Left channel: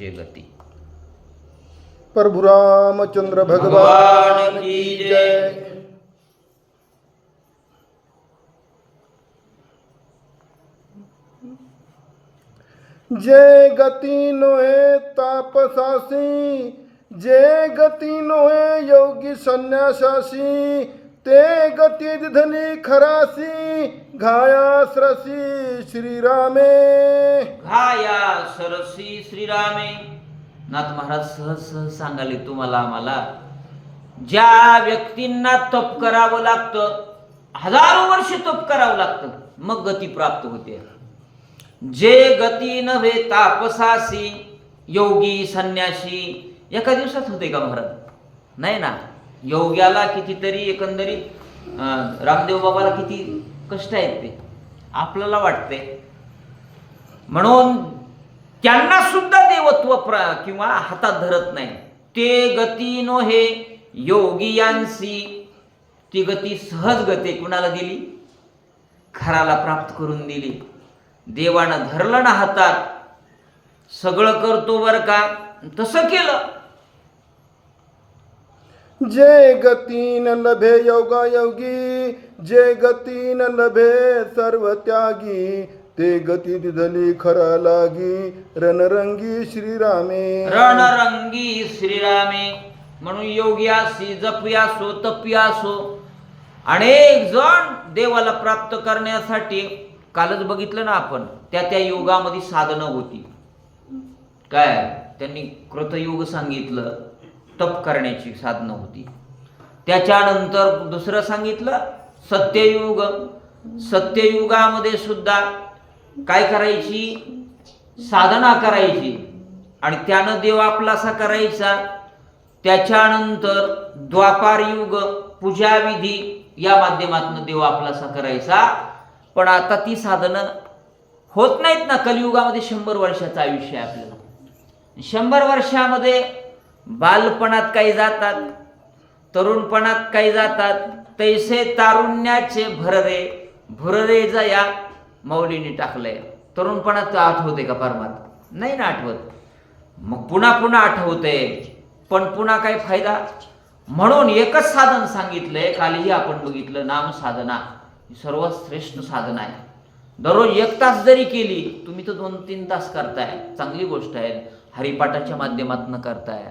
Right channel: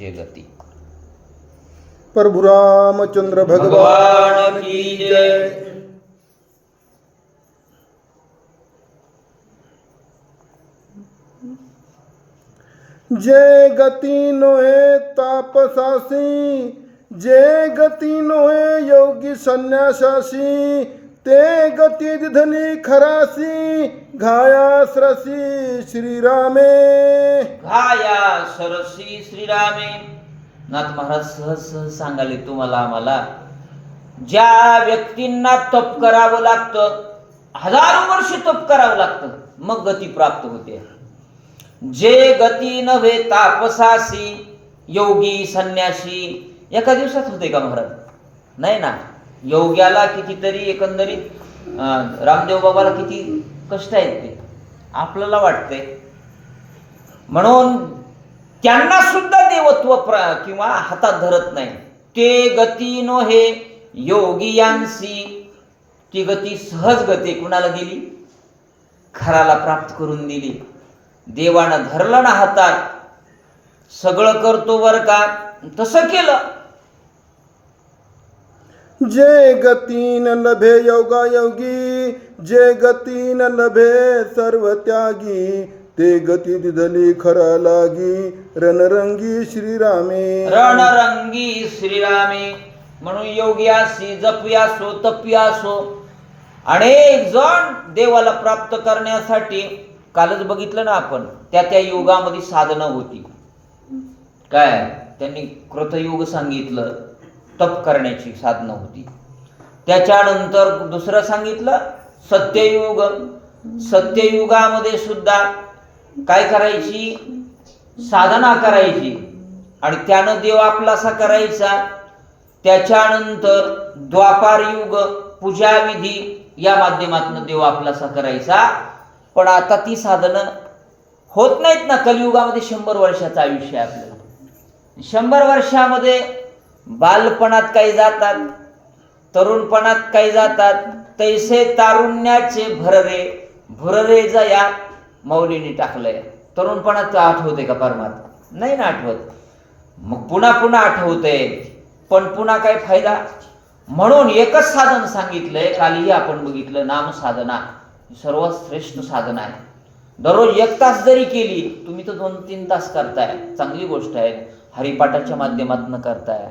जे गती. प्रभु रामचंद्र भगवान की जय. जे गती नोहे तापसासी, जे गती नोहे योगी संन्यासासी, ते गती दिधली खरासी, घाया सरसी श्रीरामे. घाया सरसी श्रीरामे. नाथ महाराज सहज सहज सांगाले तुम्हाला आम्हाला, ज्या व्यक्तींना तप करावं लागतं, हजारो वर्ष तप करावं लागतं, मग गती प्राप्त होते. जे गती नव्हे तापसासी, योगी संन्यासी, एका दिवसात होते का महाराज? नाही ना. योग्याला कितीतरी एकंदरीत रामदेव बाबाला किती कष्ट आहेत ते आपल्याला वाटते. म्हणून त्यांना सुद्धा देवत्व किंवा हातात धरत नाही. ते गती नोहे योगियांसी, ती गती सहज गती कुणाला दिली? खराला प्राप्त करून दिली. देवानं धरलं ना हातात, सगळं करतो बर का, तसं केलं. जे गती न लभे योगा योगी, जे गती न लभे सर्व त्यागी, ते गती दिधली खरा लागी, रणरंगी श्रीरामे. रणरंगी श्रीरामे. म्हणून योग्यासी जपयासो तपयासो अनेक जण देवाला प्राप्त करण्यासाठी, कालच बघितलं ना आपण, त्या युगामध्ये साधना होती. काय त्यांनी कृतयुग सांगितलं, तप करण्याची साधना होती. त्याच्यानंतर दुसरं सांगितलं सत्ययुग. सत्ययुगामध्ये सुद्धा काय करायची? साधना करायची आणि त्यानं देव आपलासा करायचा. त्याच्यानंतर द्वापार युग, पूजाविधी या माध्यमातून देव आपलासा करायचा. पण आता ती साधनं होत नाहीत ना. कलियुगामध्ये 100 वर्षाचं आयुष्य आहे आपल्याला. 100 वर्षामध्ये बालपणात काही जातात, तरुणपणात काही जातात, तैसे तारुण्याचे भररे भुररे जया मौलीने टाकलंय. तरुणपणात आठवते का परमात्मा? नाही ना आठवत. मग पुन्हा पुन्हा आठवते, पण पुन्हा काय फायदा? म्हणून एकच साधन सांगितलंय, कालही आपण बघितलं, नाम साधना सर्वात श्रेष्ठ साधना आहे. दररोज 1 तास जरी केली, तुम्ही तर 2-3 तास करताय, चांगली गोष्ट आहे. हरिपाठाच्या माध्यमातून करताय,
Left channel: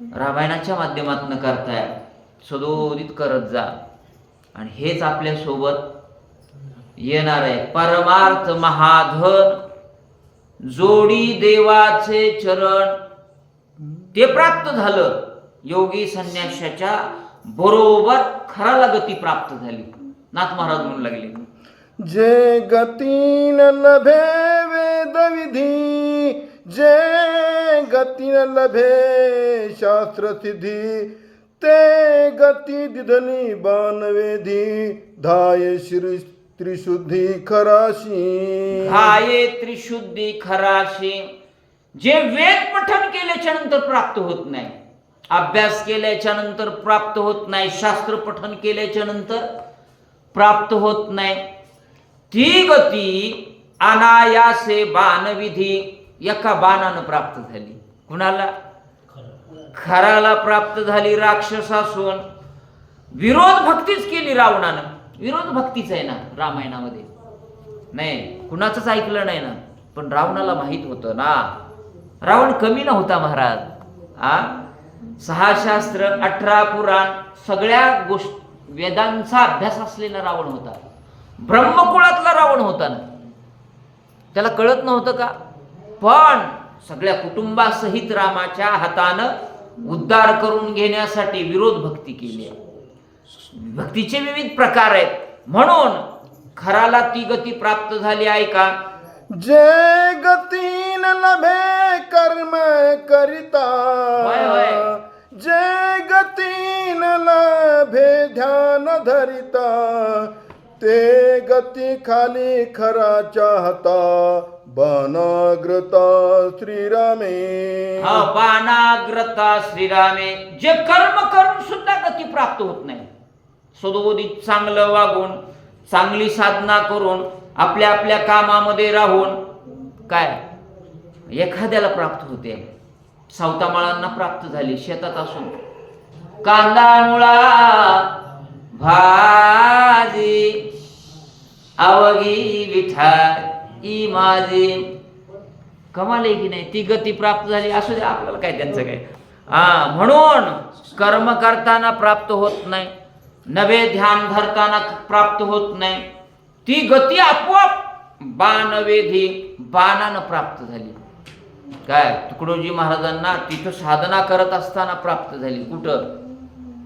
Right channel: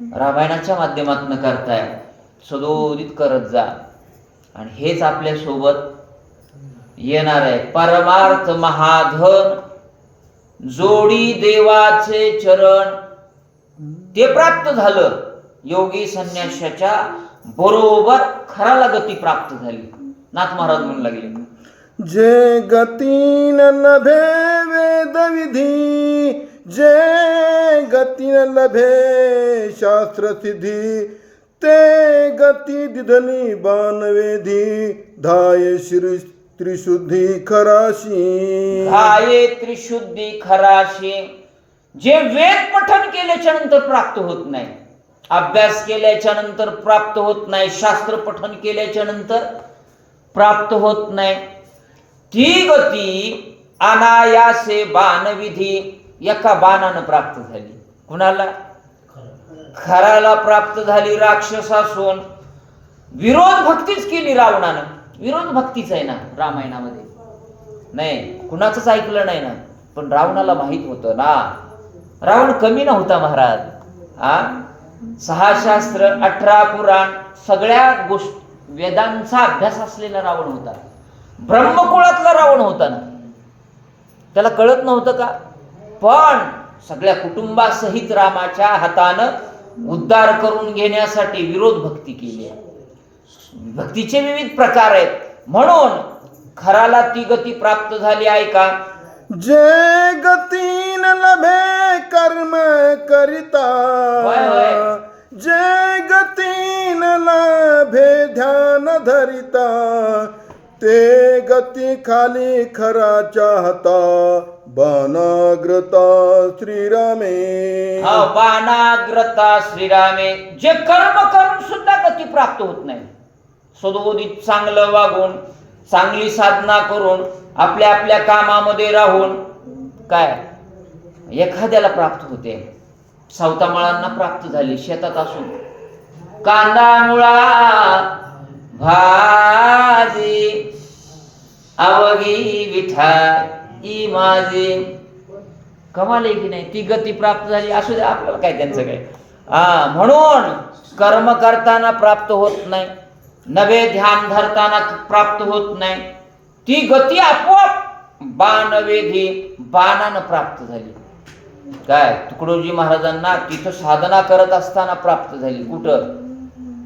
रामायणाच्या माध्यमातून करताय, सदोदित करत जा. आणि हेच आपल्या सोबत येणार आहे. परमार्थ महाधन जोडी देवाचे चरण, ते प्राप्त झालं. योगी संन्यासाच्या बरोबर खराला गती प्राप्त झाली. नाथ महाराज म्हणू लागले, जे गती न लभे वेद विधी, जे गती न लभे शास्त्र सिद्धी, ते गती दिधली बाणवेधी, धाये श्री त्रिशुद्धी खराशी. धाये त्रिशुद्धी खराशी. जे वेद पठन केल्याच्या नंतर प्राप्त होत नाही, अभ्यास केल्याच्या नंतर प्राप्त होत नाही, शास्त्र पठन केल्याच्या नंतर प्राप्त होत नाही, ती गती अनायासे बाणविधी एका बाणानं प्राप्त झाली. कुणाला? खराला प्राप्त झाली. राक्षसासून विरोध भक्तीच केली रावणानं. विरोध भक्तीच आहे ना रामायणामध्ये. नाही, कुणाचंच ऐकलं नाही ना. पण रावणाला माहित होतं ना, रावण कमी नव्हता महाराज. 6 शास्त्र 18 पुराण सगळ्या गोष्टी वेदांचा अभ्यास असलेला रावण होता. ब्रह्मकुळातला रावण होता ना. त्याला कळत नव्हतं का? पण सगळ्या कुटुंबासहित रामाच्या हातानं उद्धार करून घेण्यासाठी विरोध भक्ती केली आहे. भक्तीचे विविध प्रकार आहेत. म्हणून खराला ती गती प्राप्त झाली आहे का? जे गती न लभे कर्म करिता, जे गती न लभे ध्यान धरिता, ते गती खाली खरा चाहता, बाणाग्रता श्रीरामे. बाणाग्रता श्रीरामे. जे कर्म करून सुद्धा गती प्राप्त होत नाही, सदोदित चांगलं वागून, चांगली साधना करून, आपल्या आपल्या कामामध्ये राहून काय एखाद्याला प्राप्त होते. सावतामाळांना प्राप्त झाली शेतात असून. कांदा मुळा भाजी अवघी विठाई माझी. कमाल आहे की नाही? ती गती प्राप्त झाली. असू दे, आपल्याला काय त्यांचं काय. म्हणून कर्म करताना प्राप्त होत नाही, नवे ध्यान धरताना प्राप्त होत नाही. ती गती आपोआप बाणवेधी बाणानं प्राप्त झाली. काय तुकडोजी महाराजांना तिथं साधना करत असताना प्राप्त झाली. कुठं?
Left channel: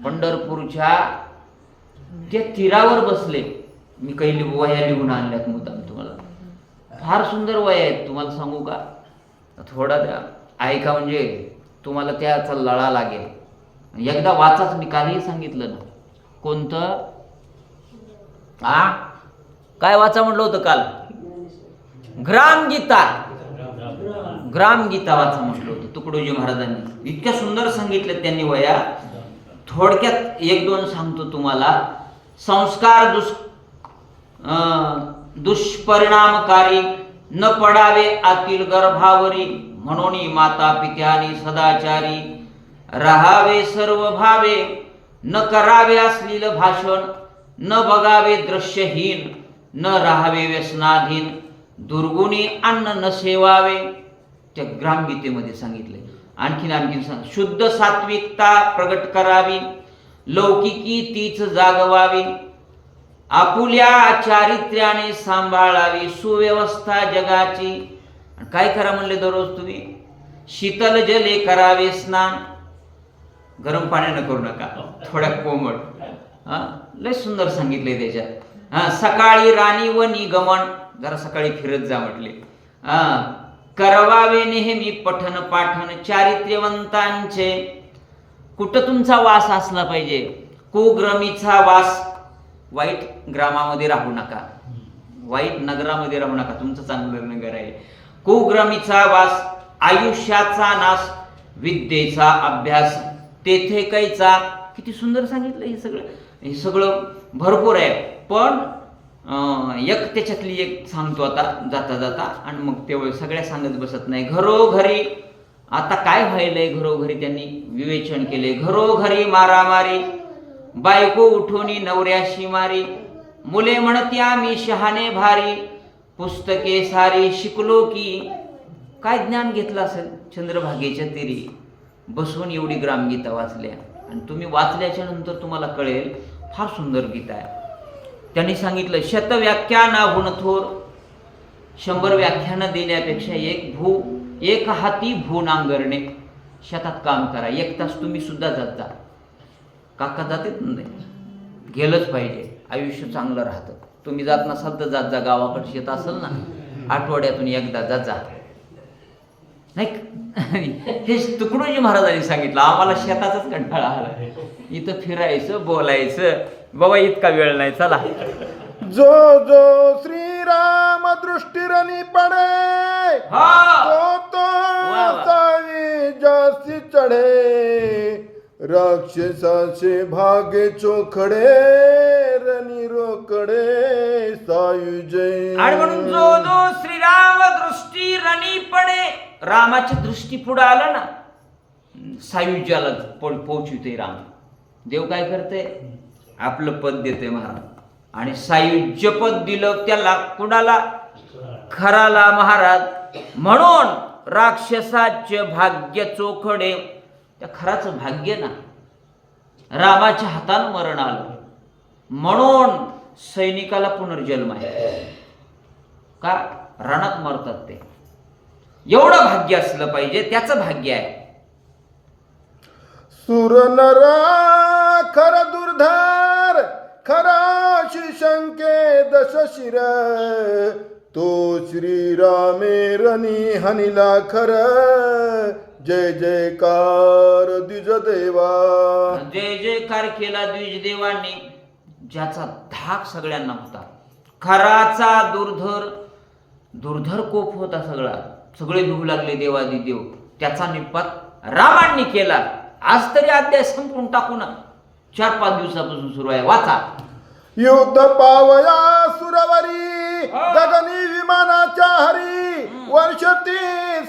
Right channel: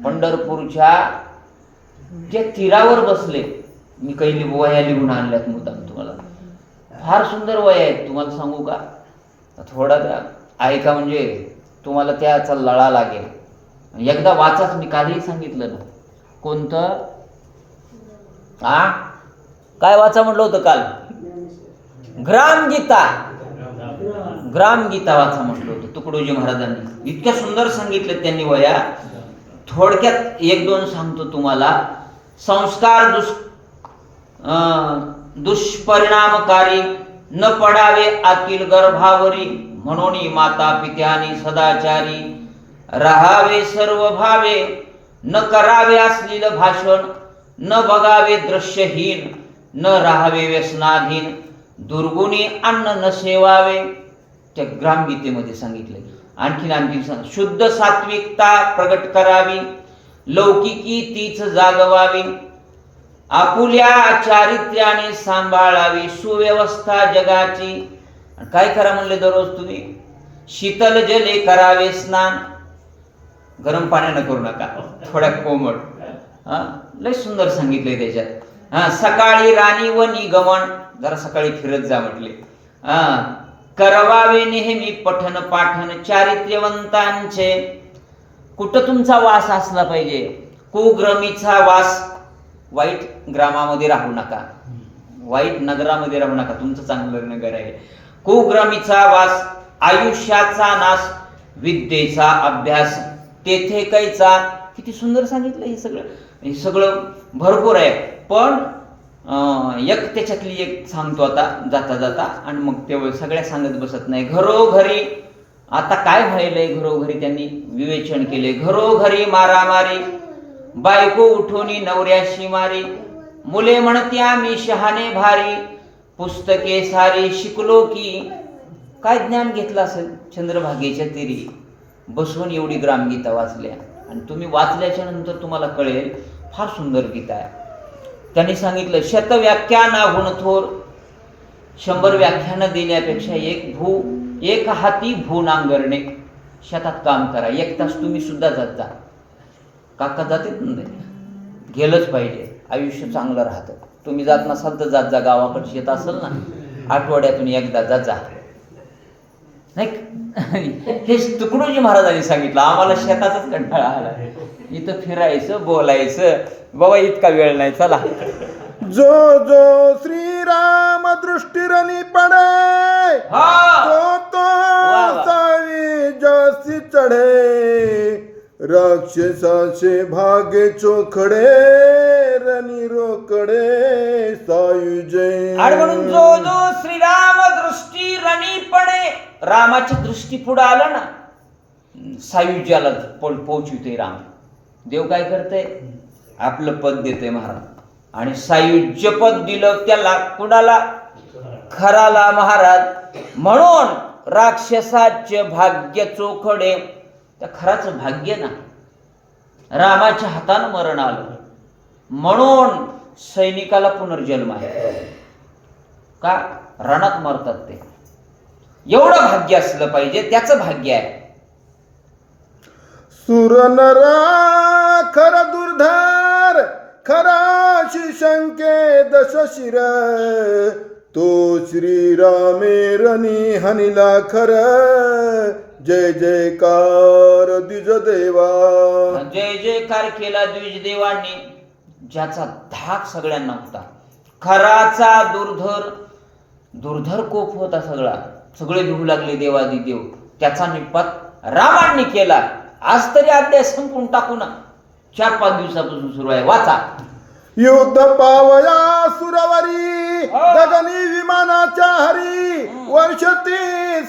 पंढरपूरच्या त्या तीरावर बसले. मी काही वया लिहून आणल्यात मुद्दाम तुम्हाला. फार सुंदर वया आहेत, तुम्हाला सांगू का? थोडा ऐका, म्हणजे तुम्हाला त्याचा लळा लागेल. एकदा वाचाच. मी कालही सांगितलं ना. कोणतं? काय वाचा म्हटलं होतं काल? ग्रामगीता. ग्रामगीता वाचा म्हटलं होतं तुकडोजी महाराजांनी. इतक्या सुंदर सांगितलं त्यांनी वया. थोडक्यात एक दोन सांगतो तुम्हाला. संस्कार दुष्परिणामकारी न पडावे आतील गर्भावरी, म्हणून माता पित्यानी सदाचारी राहावे सर्व भावे, न करावे अश्लील भाषण, न बघावे दृश्यहीन, न राहावे व्यसनाधीन, दुर्गुणी अन्न न सेवावे. त्या ग्रामगीतेमध्ये सांगितले. आणखीन सांग. शुद्ध सात्विकता प्रगट करावी, लौकिकी तीच जागवावी, आपुल्या चारित्र्याने सांभाळावी, सुव्यवस्था जगाची. काय करा म्हणले दररोज तुम्ही? शीतल जले करावे स्नान. गरम पाण्यानं करू नका, थोड्या कोमट. लय सुंदर सांगितले त्याच्यात. सकाळी राणी व निगमन, जरा सकाळी फिरत जा म्हटले. करवावे नेहमी पठन पाठन चारित्र्यवंतांचे. कुठं तुमचा वास असला पाहिजे? कुग्रमीचा वास. वाईट ग्रामामध्ये राहू नका, वाईट नगरामध्ये राहू नका. तुमचं चांगलं नगर आहे. कुग्रमीचा वास, आयुष्याचा नाश, विद्येचा अभ्यास, तेथे कैचा. किती सुंदर सांगितलं हे सगळं. हे सगळं भरपूर आहे. पण एक त्याच्यातली एक सांगतो आता जाता जाता, आणि मग ते सगळ्या सांगत बसत नाही. घरोघरी आता काय व्हायलंय? घरोघरी त्यांनी विवेचन केले. घरोघरी मारामारी, बायको उठोनी नवऱ्याशी मारी, मुले म्हणती आम्ही शहाणे भारी, पुस्तके सारी शिकलो की. काय ज्ञान घेतलं असेल चंद्रभागेच्या तीरी बसून एवढी ग्रामगीता वाचल्या. आणि तुम्ही वाचल्याच्या नंतर तुम्हाला कळेल फार सुंदर गीता आहे. त्यांनी सांगितलं शतव्याख्यानाहून थोर. 100 व्याख्यानं देण्यापेक्षा एक हाती भू नांगरणे. शेतात काम करा, 1 तास तुम्ही सुद्धा जात जा. काका जातेच नाही, गेलंच पाहिजे. आयुष्य चांगलं राहतं. तुम्ही जात नसाल तर जात जा. गावाकडे शेत असेल ना, आठवड्यातून एकदा जात जा. नाही, हे तुकडोजी महाराजांनी सांगितलं. आम्हाला शेताचाच कंटाळा आला. इथं फिरायचं, बोलायचं, बाबा इतका वेळ नाही, चला. जो जो श्रीराम दृष्टीरनी पडे, तो सावी जास्ती चढे, राक्षसाचे भागे चोखडे, रनी रोकडे सायुजय. आणि म्हणून जो जो श्रीराम दृष्टी रणी पडे, रामाची दृष्टी पुढे आलं ना, सायुज्याला पोहोचविते राम. देव काय करते? आपलं पद देते महाराज. आणि सायुज्य पद दिलं त्याला, कुणाला? खराला महाराज. म्हणून राक्षसाचे भाग्य चोखडे. त्या खराचं भाग्य ना, रामाच्या हातानं मरण आलं. म्हणून सैनिकाला पुनर्जन्म आहे. का? रणात मरतात ते. एवढं भाग्य असलं पाहिजे, त्याचं भाग्य आहे. सुर नरा खर दुर्धर, खरा शिशंके दशशिर, तो श्रीरामे रणी हनिला खर, जय जयकार द्विज देवा. जय जयकार केला द्विज देवांनी, ज्याचा धाक सगळ्यांना होता. खराचा दुर्धर कोप होता सगळा. सगळे लिहू लागले देवादिदेव. त्याचा निपात रामांनी केला. आज तरी अध्याय संपून टाकू ना. 4-5 दिवसापासून सुरू आहे, वाचा. युद्ध पावया सुरवरी, गगनी विमानाच्या हरी, वर्षती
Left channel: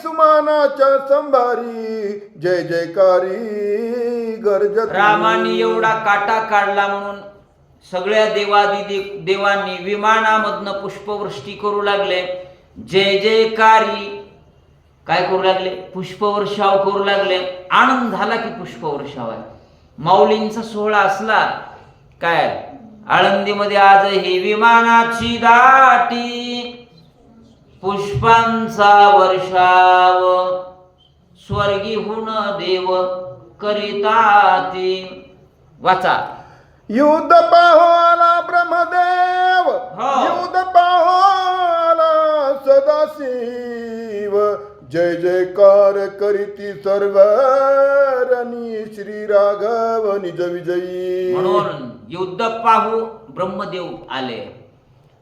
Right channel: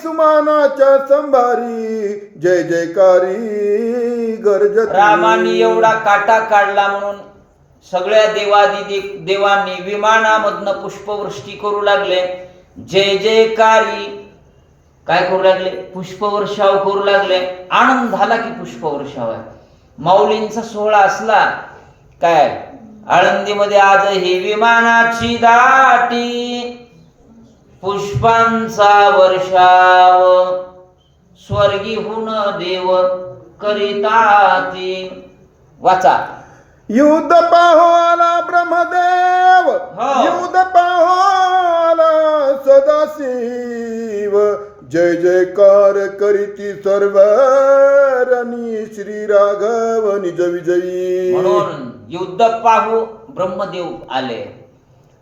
सुमानाच्या संभारी जय जयकारी गर्जती. रामाने एवढा काटा काढला म्हणून सगळ्या देवादी देवांनी विमानामधनं पुष्पवृष्टी करू लागले. जय जयकारी काय करू लागले? पुष्पवर्षाव करू लागले. आनंद झाला की पुष्पवर्षाव आहे. माऊलींचा सोहळा असला काय आळंदीमध्ये आज ही विमानाची दाटी पुष्पांचा वर्षाव स्वर्गीहून देव करिताती. वाचा. युद्ध पाहो आला ब्रह्मदेव, हो. युद्ध पाहो आला सदाशिव, जय जयकार करीती सर्व रणी श्री राघव निज विजयी. म्हणून युद्ध पाहू ब्रह्मदेव आले.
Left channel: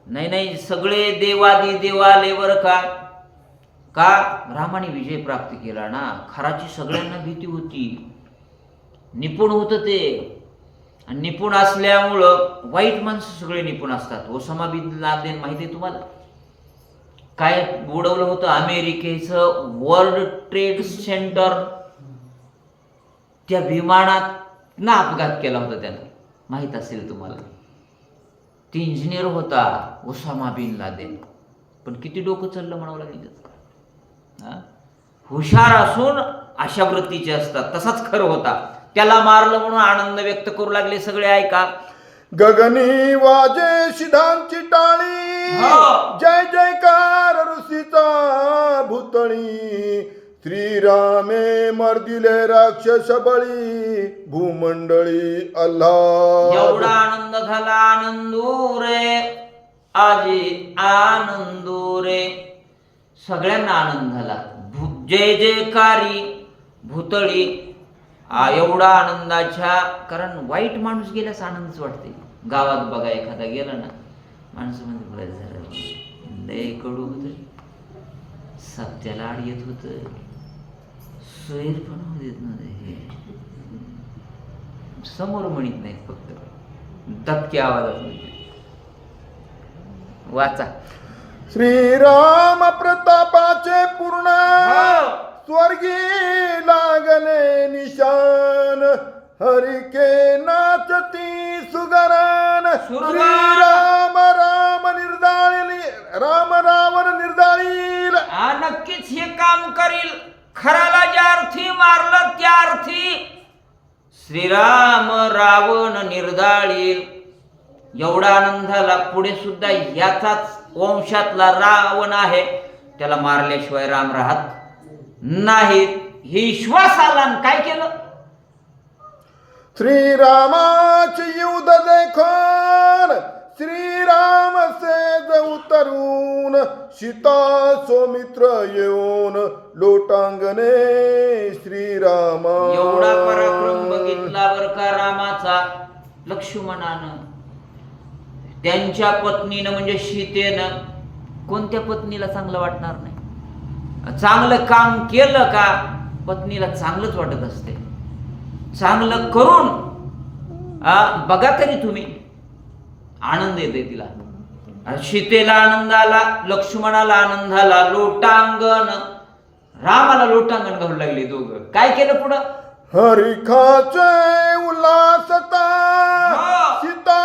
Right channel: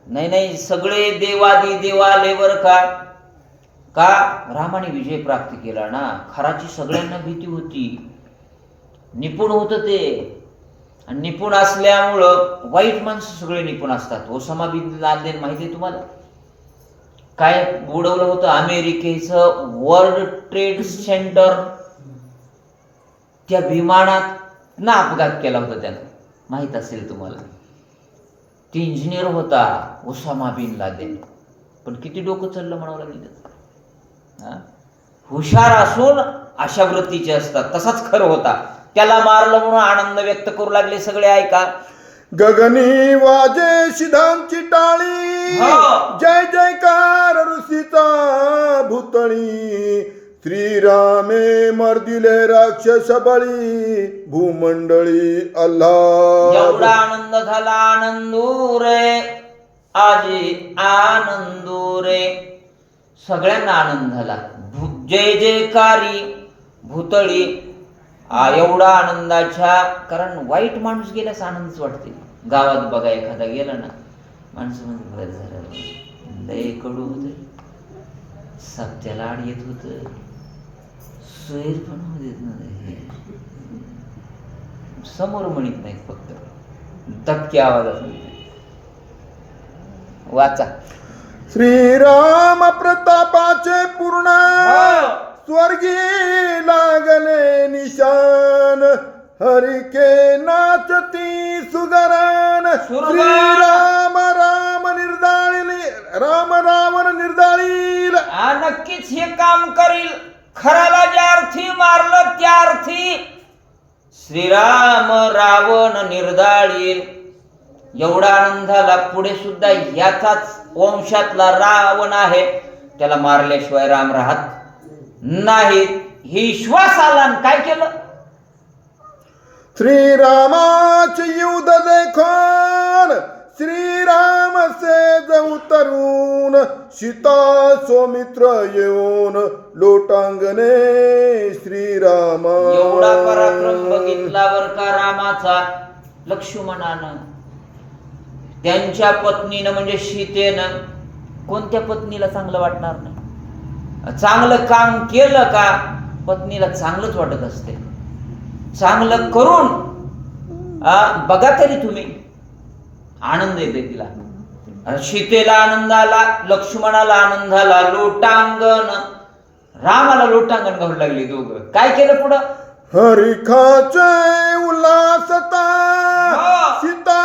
नाही सगळे देवादी देव आले बर का रामाने विजय प्राप्त केला ना. खराची सगळ्यांना भीती होती. निपुण होत ते. आणि निपुण असल्यामुळं वाईट माणसं सगळे निपुण असतात. ओसामा बिन लादेन माहिती आहे तुम्हाला? काय बुडवलं होतं अमेरिकेचं वर्ल्ड ट्रेड सेंटर. त्या विमानात ना अपघात केला होता त्यानं, माहित असेल तुम्हाला. ती इंजिनियर होता ओसामा बिन लादेन. पण किती डोकं चाललं म्हणावं लागेल. हुशार असून अशा वृत्तीचे असतात. तसाच खरं होता. त्याला मारलं म्हणून आनंद व्यक्त करू लागले सगळे. ऐका. गगनी वाजे सिद्धांची टाळी, हो. जय जयकार ऋषीचा भूतळी, श्रीरामे मर्दिले राक्षस बळी, भूमंडळी अल्लाह. एवढा आनंद झाला. आनंदुरे आजी आनंदुरे सगळ्यांना आनंद झाला. जय जयकारी भूतळी. एवढा आनंदाच्या, कारण वाईट माणूस गेल्यास आनंदच वाटते. गावात बघा एखादा गेला ना, माणसं म्हणजे बरं झालं, लय कडू होत, सत्याला आड येत होत, सोयीर पण देत नाही, समोर म्हणत नाही, फक्त धक्के आवाजात म्हणते. वाचा. श्रीराम प्रतापाचे पूर्ण स्वर्गी लागले निशान, हरिके नाचती सुगरान, श्रीराम राम निर्दाळी, राम रावण निर्दाळील. नक्कीच हे काम करील. खराला ज्या अर्थी मारलं त्या अर्थी श्रीराम रावण निर्दाळील. एवढा आनंद झाला. पुढे सुद्धा याचाच वंशातला रावण आहे, त्याला मारल्याशिवाय राम राहत नाही. ही विश्वास आला. काय केलं? श्रीरामाचे युद्ध देखून श्रीराम सेज उतरून, सीता सौमित्र येऊन लोटांगणे श्रीरामा. एवढा पराक्रम बघितल्यावर का रामाचा, लक्ष्मणानं त्यांच्या पत्नीनं म्हणजे सीतेनं, कोणत्या पत्नीला चांगलं वाटणार नाही? चांगलं काम केलं का पत्नीला चांगलंच वाटत असते. चांगलं करून बघा तरी तुम्ही, आनंद येते तिला. सीतेला आनंद आला, लक्ष्मणाला आनंद झाला. लोटांगण, रामाला लोटांगण घालू लागले दोघं. काय केलं पुढं? हरिखाचे उल्हासता, सीता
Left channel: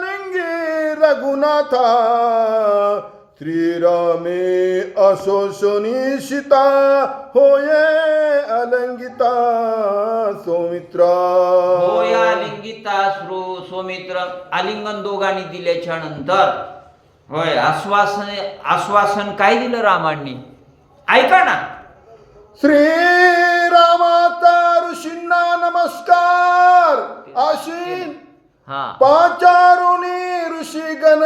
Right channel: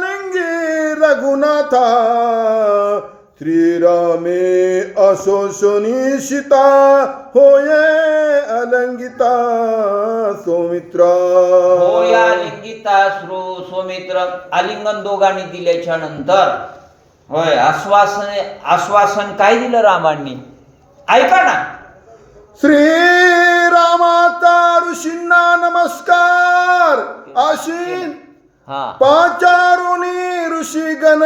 लिंगी रघुनाथा, श्रीरामे असोसोनी सीता होये अलंगिता सौमित्रा. होय आलिंगिता सौमित्र. आलिंगन दोघांनी दिल्याच्या नंतर होय आश्वासन काय दिलं रामांनी? ऐका ना. श्रीरामाचा ऋषींना नमस्कार आशीन, पाचारुनी ऋषीगण,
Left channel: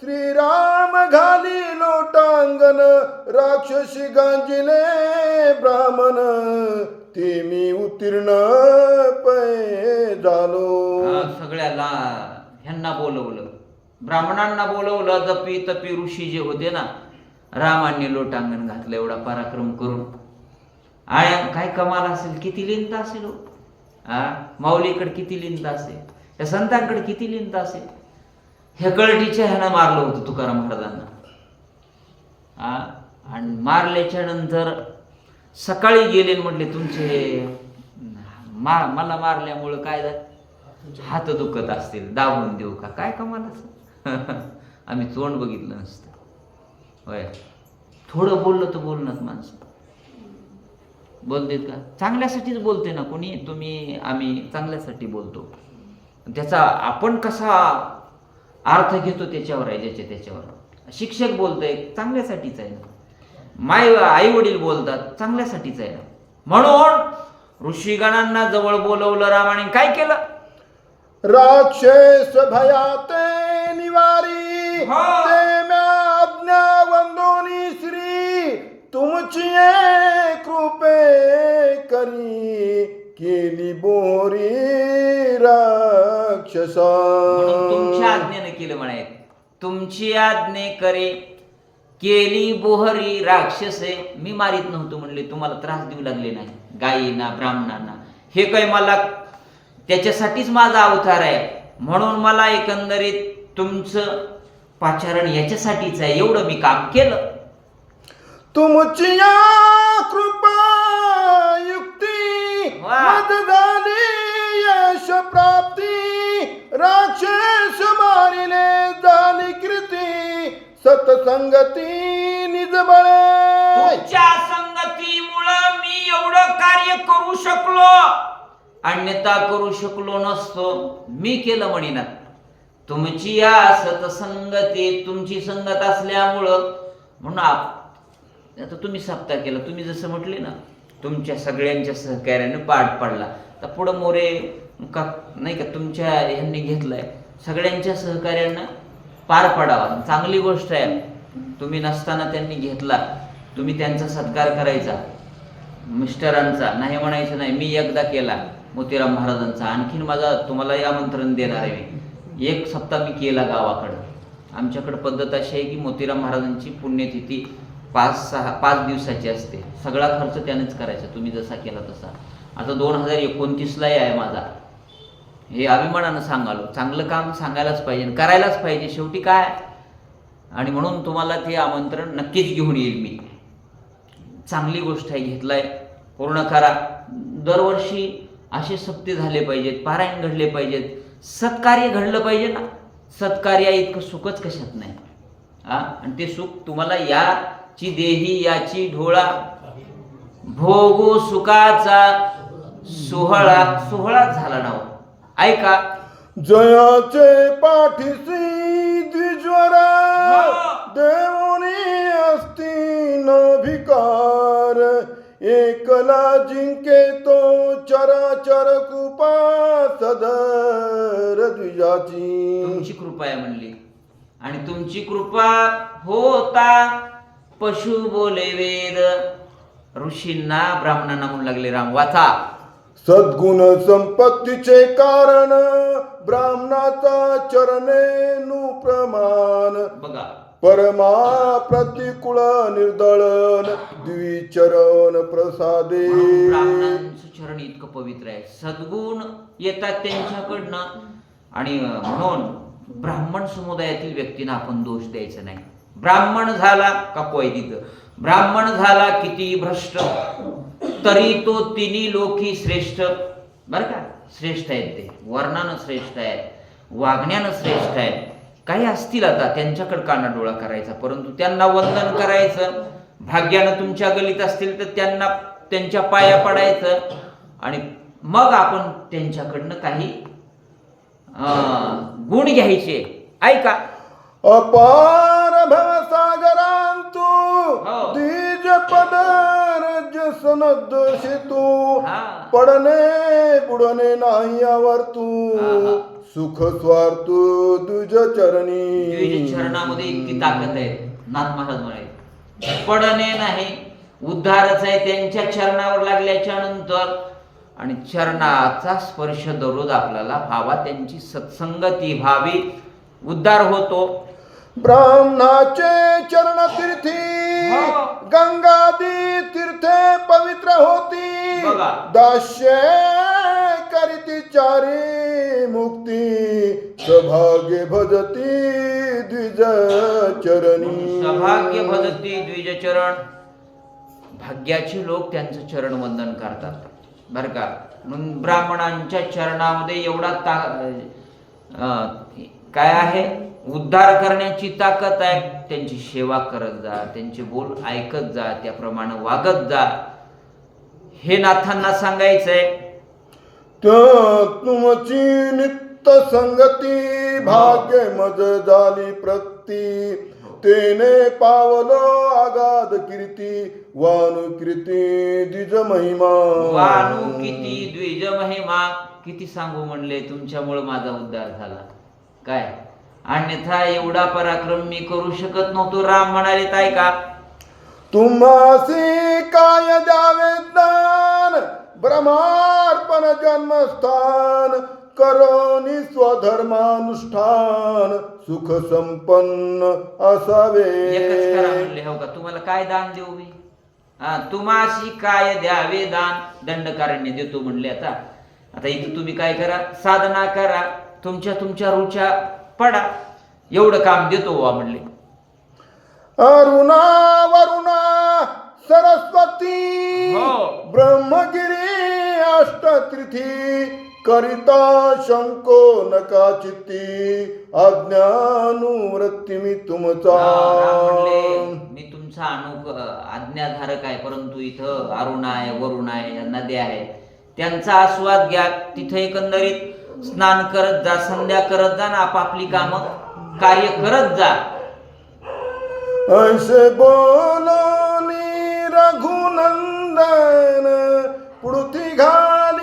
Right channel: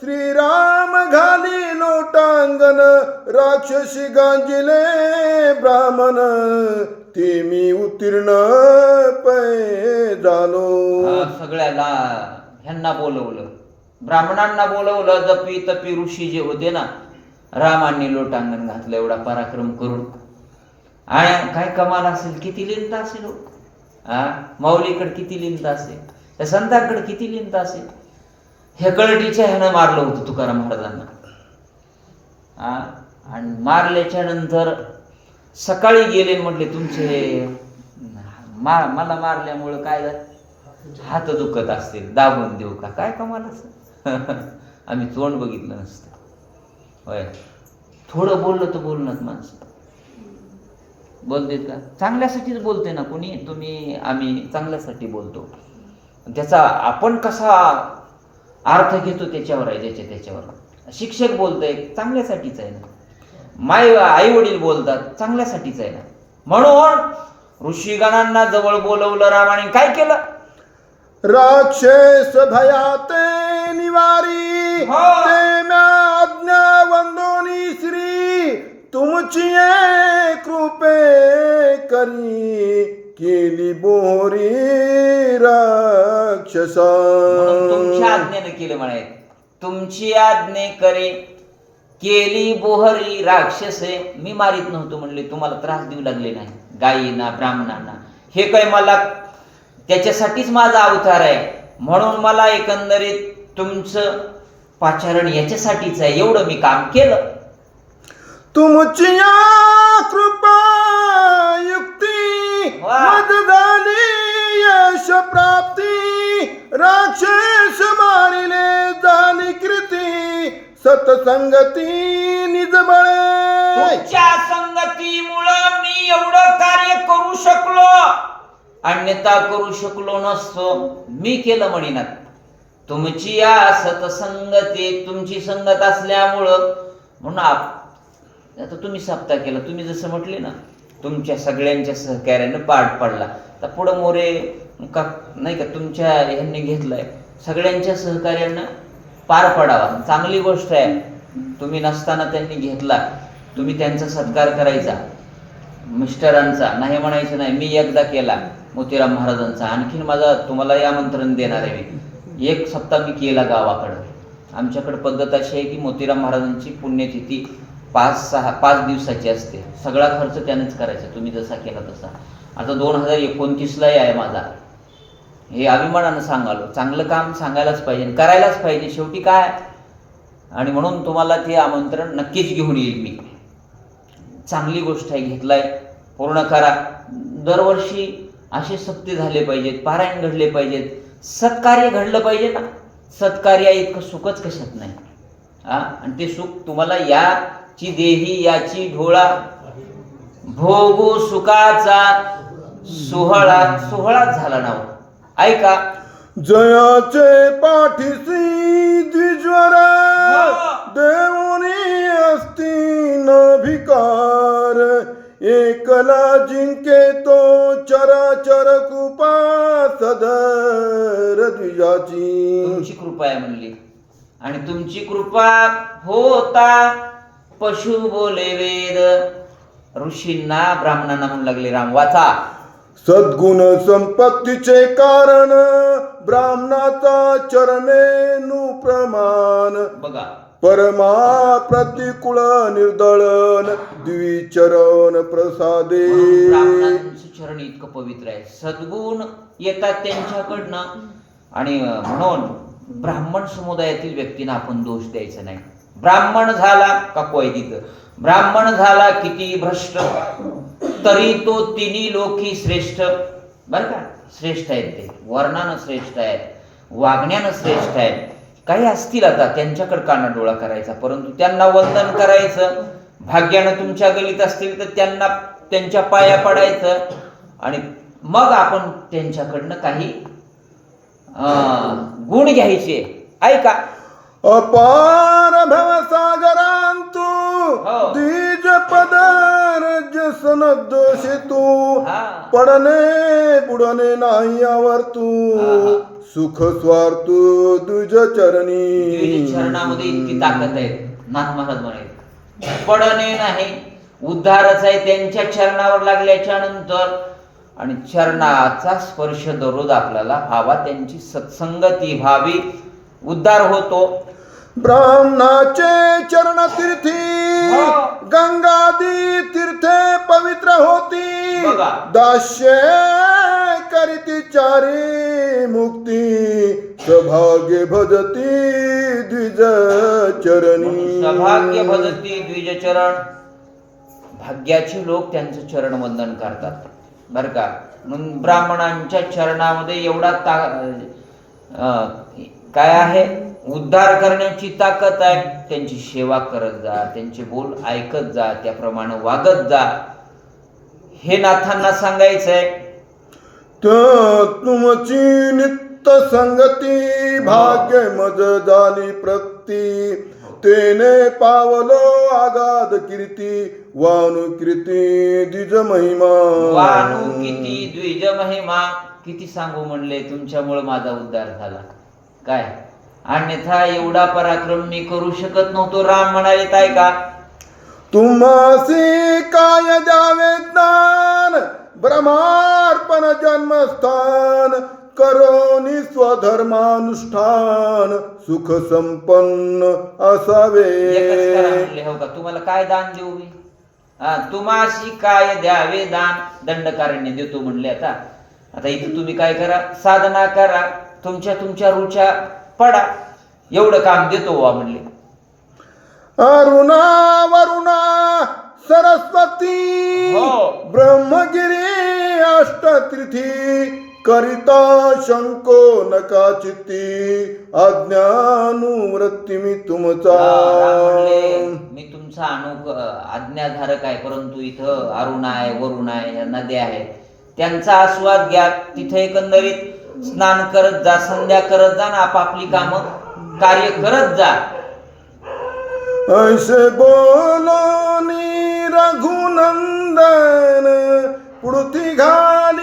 श्रीराम घाली लोटांगण, राक्षसी गांजिले ब्राह्मण, ते मी उत्तीर्ण पै झालो. सगळ्याला ह्यांना बोलवलं, ब्राह्मणांना बोलवलं. जपी तपी ऋषी जे होते ना, रामांनी लोटांगण घातलं एवढा पराक्रम करून. आणि काय कमाल असेल, किती लिहिता असेल. माऊलीकडे किती लिहिता असेल, त्या संतांकडे किती लिहिता असेल. हेकळटीच्या ह्यानं मारलं होतं तुकाराम महाराजांना. आणि मारल्याच्या नंतर सकाळी गेले म्हटले तुमचे मला मारल्यामुळं काय झालं? हात दुखत असतील, दाबून देऊ का? काय कमालच. आम्ही तोंड बघितलं नसतं. होय, थोडं बोललं तर बोलणार माणसं बोलतेत का? चांगल्यासाठीच बोलते ना कोणी. आम्ही चांगल्यासाठी बोलतो. त्याचा आपण कसा अर्थ घेतो त्याच्यावर आहे, त्याच्यावर. शिक्षक बोलतोय चांगल्यासाठीच आहे ना, आई वडील बोलतात चांगल्यासाठीच आहे ना. म्हणून ऋषीगणांना जवळ बोलवलं रामाने. काय केलं? राक्षस भयाते निवारी, हो. ते म्या आज्ञा वंदोनी श्री, तुमची कृपे करी, केली बोरी राक्षसा. म्हणून तुमच्या आज्ञेने केलं म्हणायचं. तुमची आज्ञे करे केली बोहरी राक्षसे. मी मारित नव्हतो म्हणले, तुम्हाला त्रास देऊ लागले नाही, गायींना ब्राह्मणांना. हे काय मला त्याच्यासाठीच माझा अवतार आहे. म्हणून मला एकंदरीत तुमचं पाचारण याच्यासाठीच आहे. एवढं मी काम केलं. तुमची या कृपा युक्ती मद झाली यश प्राप्ती, राक्षस मारिले झाली कृती, सतसंगती निज बळे. तुमच्या संगतीमुळं मी एवढं कार्य करू शकलो, अन्यथा करू शकलो नसतो. मी केलं म्हणिनात. तुमची या सतसंगती, तुमची संगत असल्यामुळं. म्हणून आता तुम्ही सप्ताह केला, तुम्ही जसं म्हटले ना, तुमच्या सगळ्यांच्या सहकार्याने पाठ पडला. तर पुढं मोरे का नाही का तुमच्या ह्यांनी घेतलाय, सगळ्यांच्या सहकार्यानं पार पडावा. चांगली गोष्ट आहे. तुम्ही नसताना त्यांनी घेतला, तुम्ही त्यांचा सत्कार करायचा. मिस्टरांचा नाही म्हणायचं नाही. मी एकदा केला मोतीराम महाराजांचा, आणखीन माझा तुम्हाला आमंत्रण देणार आहे. मी 1 सप्ताह मी केला गावाकडं. आमच्याकडे पद्धत अशी आहे की मोतीराम महाराजांची पुण्यतिथी 5 दिवसाची असते. सगळा खर्च त्यानेच करायचा, तुम्ही जसा केला तसा. आता 2029ला आहे माझा. हे अभिमानानं सांगालो. चांगलं काम सांगायलाच पाहिजे, करायलाच पाहिजे शेवटी काय. आणि म्हणून तुम्हाला ते आमंत्रण नक्कीच घेऊन येईल मी. चांगली गोष्ट आहे, घेतलाय, पूर्ण करा. दरवर्षी असे सप्ते झाले पाहिजेत, पारायण घडले पाहिजेत, सत्कार्य घडलं पाहिजे ना. सत्कार्य इतकं सुखच कशात नाही. आणि ते सुख तुम्हाला याची देही याची ढोळा भोगू सुखाचा सोहळाच झाला ना. ऐका, जयाचे पाठीसी द्विज्वर, देवोनी असती न भिकार, एकला जिंके तो चराचर कृपा सदर द्विजाची. तुमची कृपा आहे म्हणली. आणि तुमची कृपा होता पशु बोले वेद. ऋषींना ब्राह्मणांना म्हणू लागले राम. वाचा. सद्गुण संपत्तीचे कारण, ब्राह्मणाचा चरणेनु प्रमाण, बघा, परमा प्रतिकूल निर्दळन, द्विचरण प्रसादे. ब्राह्मणांचं चरण इतकं पवित्र आहे. सद्गुण येतात त्यांच्याकडनं. आणि म्हणून ब्राह्मण समुदायातील व्यक्तींना आपण दोष द्यायचा नाही. ब्राह्मण झाला काकू आहे तिथं, ब्राह्मण झाला किती भ्रष्ट तरी तो तिन्ही लोकी श्रेष्ठ. बरं का, श्रेष्ठ आहेत ते. वर्णानं श्रेष्ठ आहेत, वागण्यानं श्रेष्ठ आहेत. काही असतील आता त्यांच्याकडे कानाडोळा करायचा, परंतु त्यांना वंदन करायचं. भाग्यानं तुमच्या गलीत असतील तर त्यांना त्यांच्या पाया पडायचं. आणि मग आपण त्यांच्याकडनं काही गुण घ्यायचे. ऐका, अपार भवसागरांतू हो. द्विज पदर सनद सेतू, हा. पडणे बुडणे नाही आवर्तू, सुख स्वार्थू द्विज चरणी. चरणामध्ये इतकी ताकद आहे. नाथ महाराज म्हणाले पडणे नाही, उद्धारच आहे त्यांच्या चरणावर लागल्याच्या नंतर. आणि चरणाचा स्पर्श दररोज आपल्याला व्हावा, त्यांची सत्संगती व्हावी, उद्धार होतो. ब्राह्मणाचे चरण तीर्थी, गंगादी तीर्थे पवित्र होती, बघा. दास्य करीती चारी मुक्ती, सभाग्य भजती द्विज चरणी. सौभाग्य भजती द्विजचरण. भाग्याचे लोक त्यांचं चरण वंदन करतात बर का. म्हणून ब्राह्मणांच्या चरणामध्ये एवढा काय आहे, उद्धार करण्याची ताकद आहे. त्यांची सेवा करत जा, त्यांचे बोल ऐकत जा, त्याप्रमाणे वागत जा, हे नाथांना सांगायचंय. तुमची नित्य संगती भाग्य मज झाली प्रती. तेने पावलो आगाध कीर्ती वानु कीर्ती द्विज महिमा. वानु किती द्विज महिमा. किती सांगू म्हणले, तुमच्यामुळे माझा उद्धार झाला. काय अन्यथा एवढा पराक्रम मी करू शकत नव्हतो. राम म्हणाले काय का, तुम्हासी काय द्यावे दान ब्रह्मार्पण जन्मस्थान. करोनी स्वधर्मानुष्ठान सुख संपन्न असावे. एकच करा म्हणले. हो का, तुम्हाला काय दान देऊ मी? तुम्हाशी काय द्यावे दान, दंडकारण्य देतो म्हणले. आता इथे तुम्ही काय करा, साधना करा, तुमच्या रुच्या पडा, एवढं काम देतो वा म्हणले. अरुणा वरुणा सरस्वती हो. ब्रह्मगिरी अष्टतीर्थी. करिता शंको नका चित्ती अज्ञानुवृत्ती मी तुमचा. मी तुमचा आज्ञाधारक आहे, परंतु इथं अरुण आहे, वरुण आहे, नद्या आहेत, त्यांचा आस्वाद घ्या. तिथे एकंदरीत स्नान करत जा, संध्या करत जा, ना आपापली कामं कार्य करत जा. ऐसे बोलोनी रघुनंदन पुढती घाली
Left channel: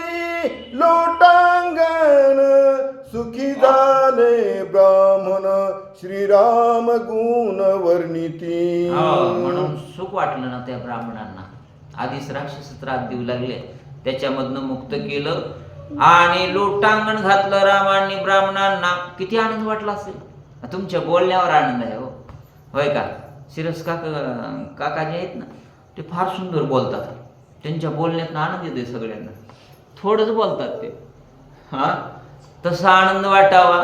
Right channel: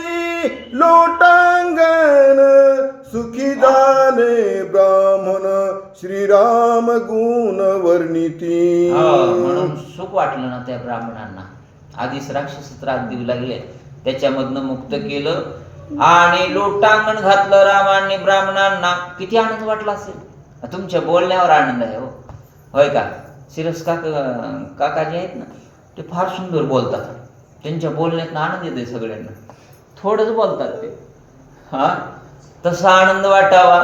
लोटांगण. सुखी झाले ब्राह्मण श्रीराम गुण वर्णिती. म्हणून सुख वाटलं ना त्या ब्राह्मणांना. आधीच राक्षस त्रास देऊ लागले, त्याच्यामधनं मुक्त केलं आणि लोटांगण घातलं रामांनी ब्राह्मणांना. किती आनंद वाटला असेल. तुमच्या बोलण्यावर आनंद आहे. हो होय का. शिरस काकाजी आहेत ना, ते फार सुंदर बोलतात. त्यांच्या बोलण्यात आनंद येते सगळ्यांना. थोडंच बोलतात ते. तसा आनंद वाटावा.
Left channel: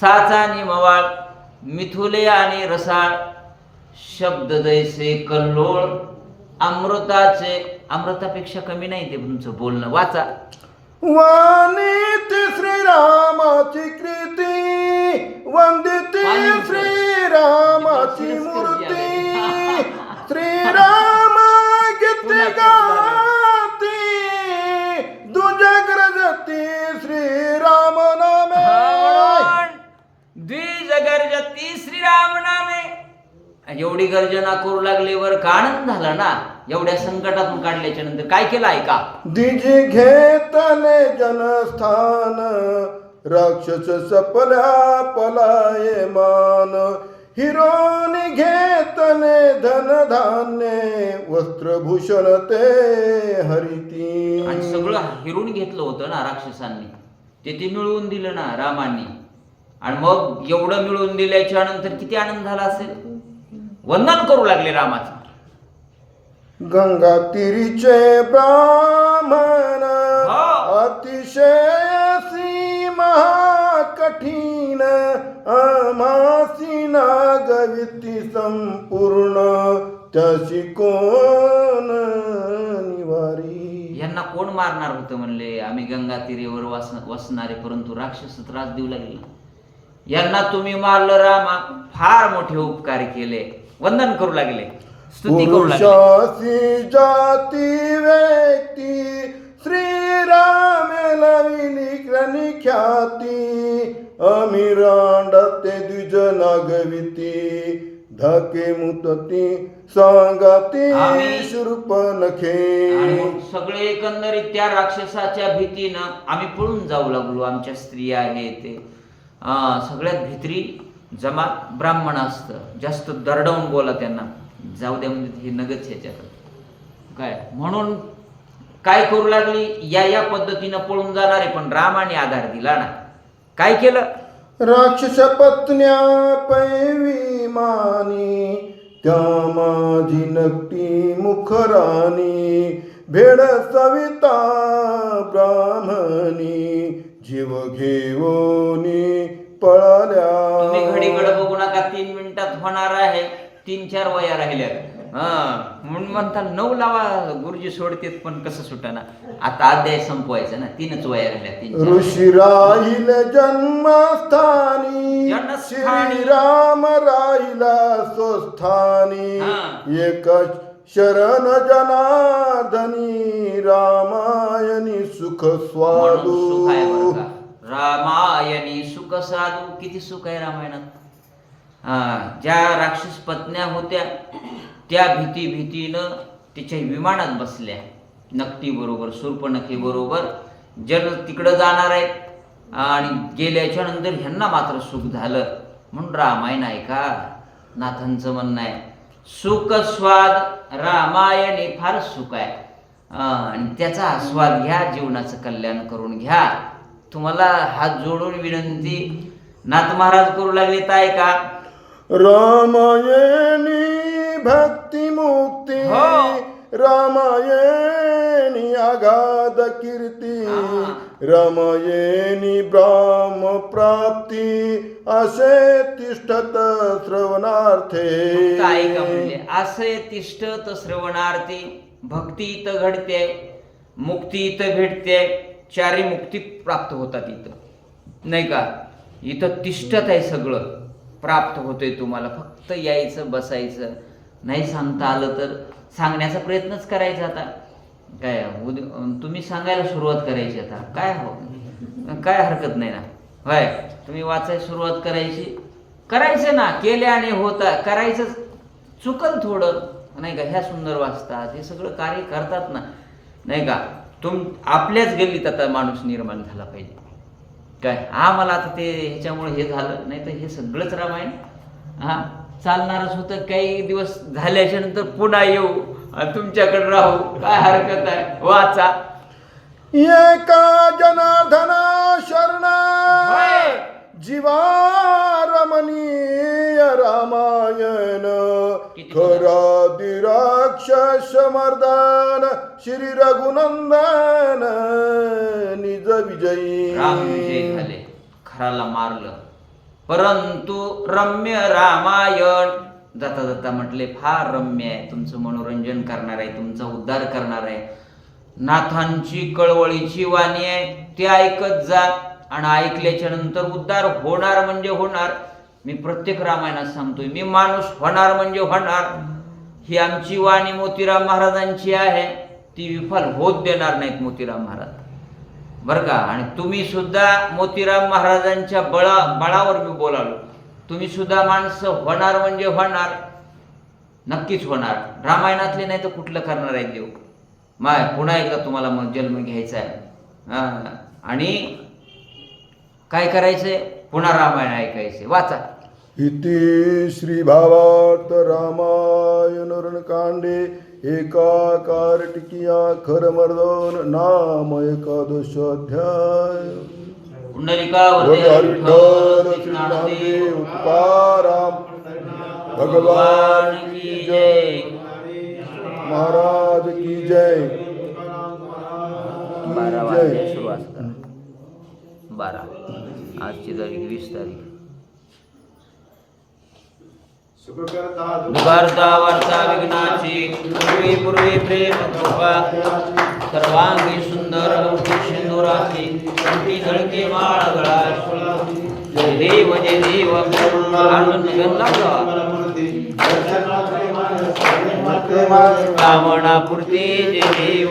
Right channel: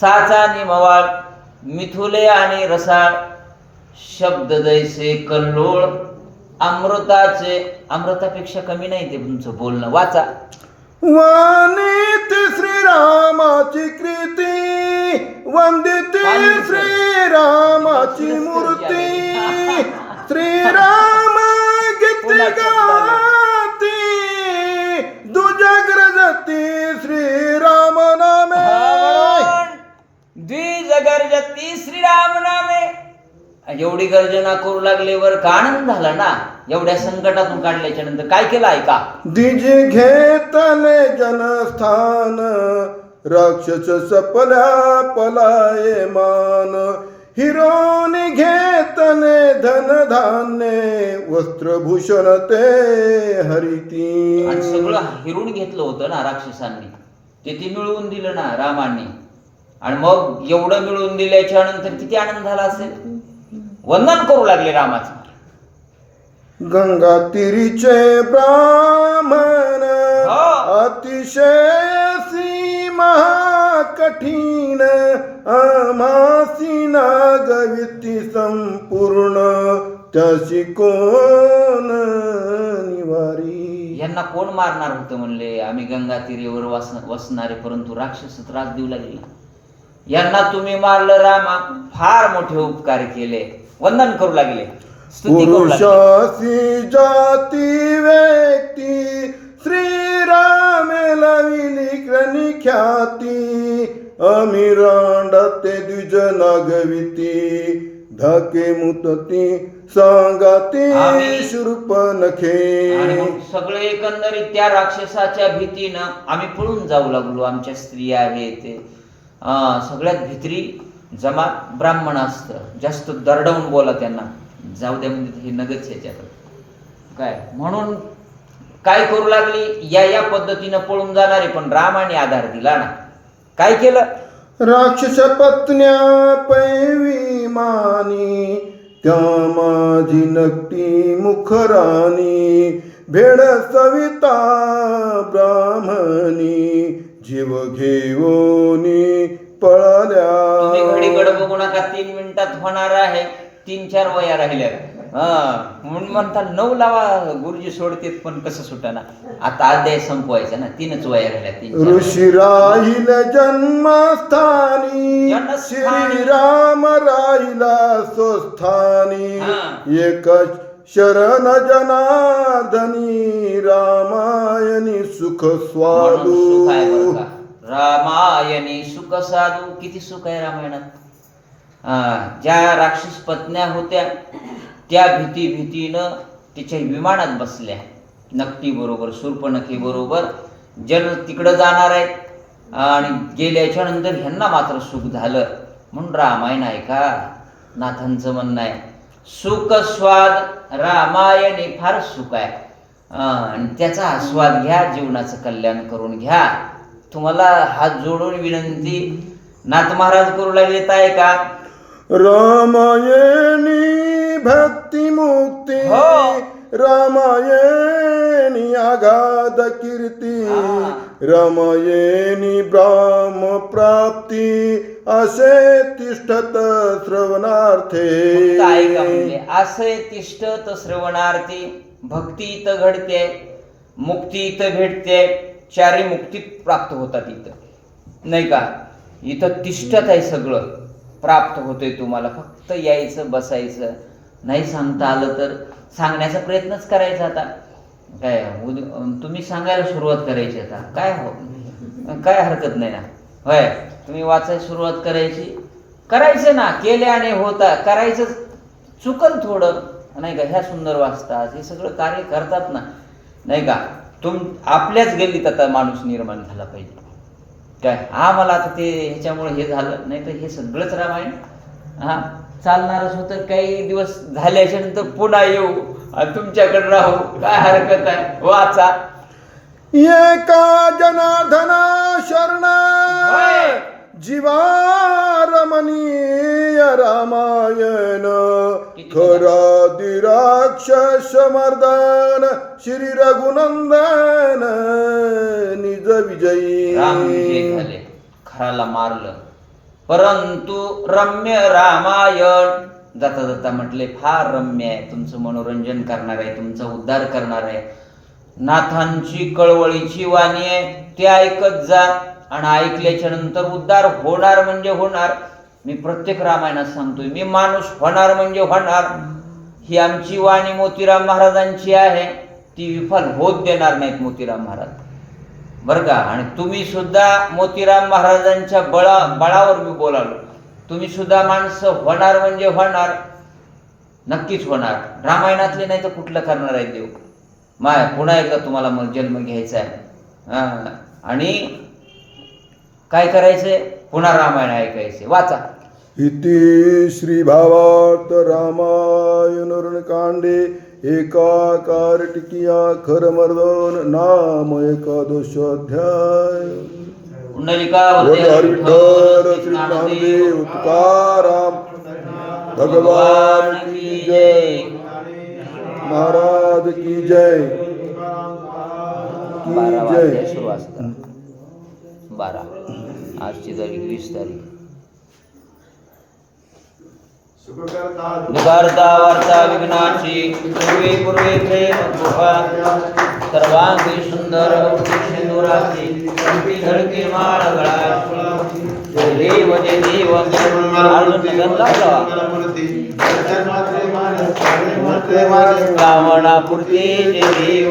साचा आणि मवाळ, मिथुले आणि रसाळ, शब्द जैसे कल्लोळ, अमृतापेक्षा कमी नाही ते तुमचं बोलणं. वाचा. वाणीत श्रीरामाची कृती वंदिती श्रीरामाची मूर्ती. श्रीराम गीती गाती दुजग्रजती श्रीराम नामे. द्विजगर्जती श्रीराम नामे. एवढी गर्जना करू लागल्यावर का आनंद झाला ना. एवढ्या संकटातून काढल्याच्या नंतर काय केलं ऐका. द्विज घेतले जनस्थान राक्षस सपल्या पलाये मान. हिरोनी घेतले धन धान्य वस्त्रभूषण ते हरिती. आणि सगळं हिरून घेतलं होतं ना राक्षसांनी, ते मिळवून दिलं ना रामांनी. आणि मग एवढं मिळवून दिल्याच्या नंतर किती आनंद झाला असेल. वंदन करू लागले रामाचं. गंगा तीरीचे ब्राह्मण अतिशय सीमा कठीण. आमासी नागविती संपूर्ण त्याशी कोण निवारी. यांना कोण मारणार होतं म्हणले. आम्ही गंगा तीरेवर वसणारे, परंतु राक्षस त्रास देऊ लागले. यांना तुम्ही मारलं रामा. फार मोठे उपकार केले. वंदन करू लागले. पुरुषासी जाती व्यक्ती श्रीराम लविली क्रनी ख्याती. आम्ही रांडते द्विज नागविती धाके मुतती सांगाती शूर्प नखे. सगळे एकंदरीत त्या राक्षसाच्या भीतीनं आम्ही पळून जाऊ लागलो. आमच्या स्त्रिया आहे ते सगळ्यात भित्री जमात ब्राह्मण असतं. जास्त दरडवून बोला त्यांना. जाऊ द्या म्हणजे हे नगच ह्याच्यात काय. म्हणून काय करू लागली, या पद्धतीनं पळून जाणारे. पण रामाने आधार दिला ना. काय केलं. राक्षस पत्न्या पैवी मानी त्या माझी नकटी मुखराणी. भेड सविता ब्राह्मणी जीव घेऊनी पळाल्या. तुम्ही घडीकडे बघू नका, 3 मिनिटात होणार आहे, 3-4 वया राहिल्या. म्हणून म्हणतात 9 लावा गुरुजी सोडतेत, पण कसं सुटाना. आता अध्याय संपवायचा ना, 3च वया राहिल्या. 3-4 ऋषी राहील जन्मस्थानी, श्रीराम राहिला स्वस्थानी. एक शरण जनार्दनी, रामायणी सुख स्वादू. सुख आहे बरं का. रामायणी सुख साधू. किती सुख आहे रामायणात. ज्या राक्षस पत्न्या होत्या त्या भीतीनं तिच्या विमानात बसल्या, नकटी बरोबर, शूर्पणखी बरोबर. जल तिकडं जाणार आहेत आणि गेल्याच्या नंतर ह्यांना मात्र सुख झालं. म्हणून रामायण आहे का, नाथांचं म्हणणं आहे. सुख स्वाद रामायणे फार सुख आहे, आणि त्याचा आस्वाद घ्या, जीवनाचं कल्याण करून घ्या. तुम्हाला हात जोडून विनंती नाथ महाराज करू लागलेत आहे का. रामायणी भक्ती मुक्ती, रामायणी आगाध कीर्ती, रामायणी ब्राह्म प्राप्ती, असे तिष्ठत श्रवणार्थे. काय का म्हणजे असे तिष्ठत श्रवणार्थी. भक्ती इथं घडते, मुक्ती इथं भेटते, चारी मुक्ती प्राप्त होतात इथं, नाही का. इथं तिष्ठत आहे, सगळं प्राप्त होतंय तुम्हाला. फक्त यायचं, बसायचं. नाही सांगता आलं तर सांगण्याचा प्रयत्नच करायचा. आता काय तुम्ही सांगायला सुरुवात करायची. आता काय हरकत नाही ना. होय, तुम्ही वाचायला सुरुवात करायचं ना. केल्याने होता करायचं. चुकल थोडं, नाही का. ह्या सुंदर वाचतात, हे सगळं कार्य करतात ना, नाही का. आपल्याच गल्लीत आता माणूस निर्माण झाला पाहिजे. काय मला आता ते ह्याच्यामुळे हे झालं, नाही तर हे सगळंच रामायण चालणारच होतं. काही दिवस झाल्याच्या नंतर पुन्हा येऊ आणि तुमच्याकडे राहू, काय हरकत आहे. वाचा. एका जनार्दना शरण, जीवा रमणीय रामायण. खरा दिराक्षस मर्दन, श्री रघुनंदन निज विजयी. झाले, खराला मारलं, परंतु रम्य रामायण. जाता जाता म्हटले फार रम्य आहे, तुमचं मनोरंजन करणार आहे, तुमचा उद्धार करणार आहे. नाथांची कळवळीची वाणी आहे, ते ऐकत जा. आणि ऐकल्याच्या नंतर उद्धार होणार म्हणजे होणार. मी प्रत्येक रामायणात सांगतोय, मी माणूस होणार म्हणजे होणार. ही आमची वाणी मोतीराम महाराजांची आहे, ती विफल होत देणार नाहीत मोतीराम महाराज, बरं का. आणि तुम्ही सुद्धा मोतीराम महाराजांच्या बळावर मी बोलालो. तुम्ही सुद्धा माणसं होणार म्हणजे होणार, नक्कीच होणार. रामायणातले नाही तर कुठलं करणार आहे देव. पुन्हा एकदा तुम्हाला मग जन्म घ्यायचा आहे. आणि काय करायचंय, पुन्हा रामायण ऐकायचे. वाचा. इति श्री भावार्थ रामायण रणकांडे एका कार्तिकिया खरमर्दन नाम एकादश अध्याय. विठ्ठल श्री ज्ञानदेव तुकाराम भगवान की जय, महाराज की जय, की जय. 12 आजची तारीख 20 तारीख. करता वार्ता विघ्नाची, पूर्वे प्रेम कृपा, सर्वांगी सुंदर सिंदुराची, कंठी झळके माळ गळा. जय देव जय देव. कामना पुरते जय देव.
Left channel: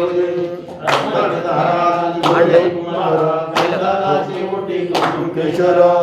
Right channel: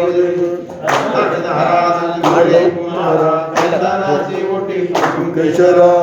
केशरा